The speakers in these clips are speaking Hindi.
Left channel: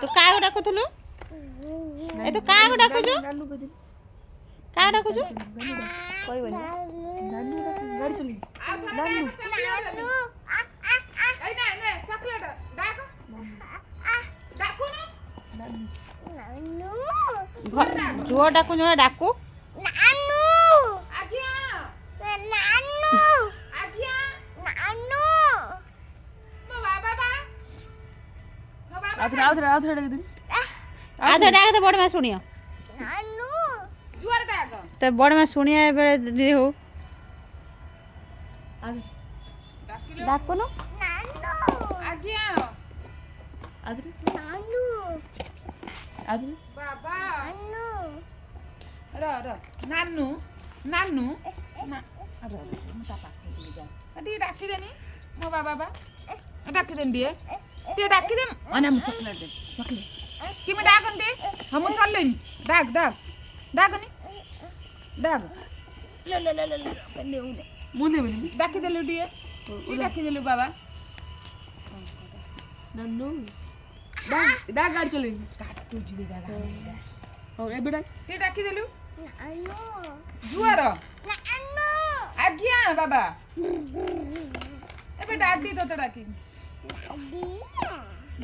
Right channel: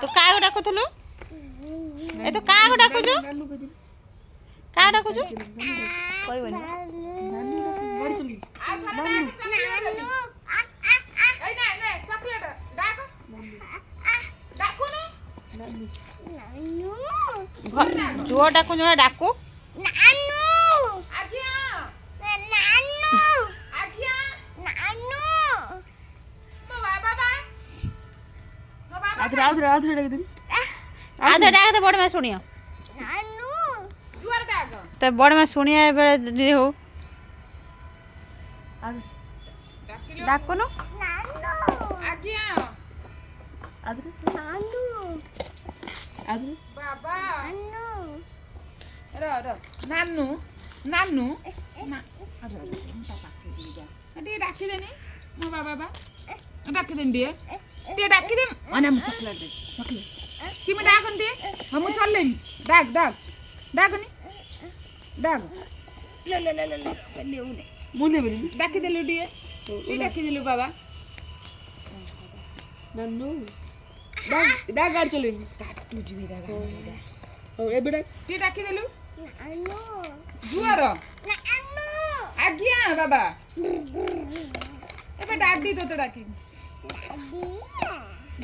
ତୁ କାହାକୁ ଡାକୁଥିଲୁ? ଏ ତୁ କାହାକୁ ଡାକୁଛୁ? କାହା ଡାକୁଛୁ? କହିବନି। ଝୁଅ ଡାକୁଛୁ ନା ଡାକୁ? आधे डाक तो बड़ में सुनियो तो बड़ में सुनिया बेले हो डाको नो बाबा नानू नानू डाकी देनी मो बाबा डाकी देनी टे डाकी दे अने मु चॉकलेट दे चॉकलेट कि मैं डाकन दे हम चलले डाक डाक डाकनी डाक ले ले ले ले ले मुने मुने डाकी देलु दिए ई डाकी देलु बाबा नन्नू डाक डाक गाड़ चले काटू जीवी डाक ओ ए बेटा टे डाकी देलु नन्नू जुआर नन्नू आज्ञा बाबा ए डाडी तो डाकी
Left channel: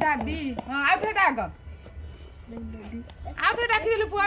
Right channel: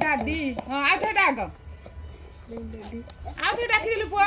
दादी हाँ आउ थे डाक आउ थे डाकी देलु पुआ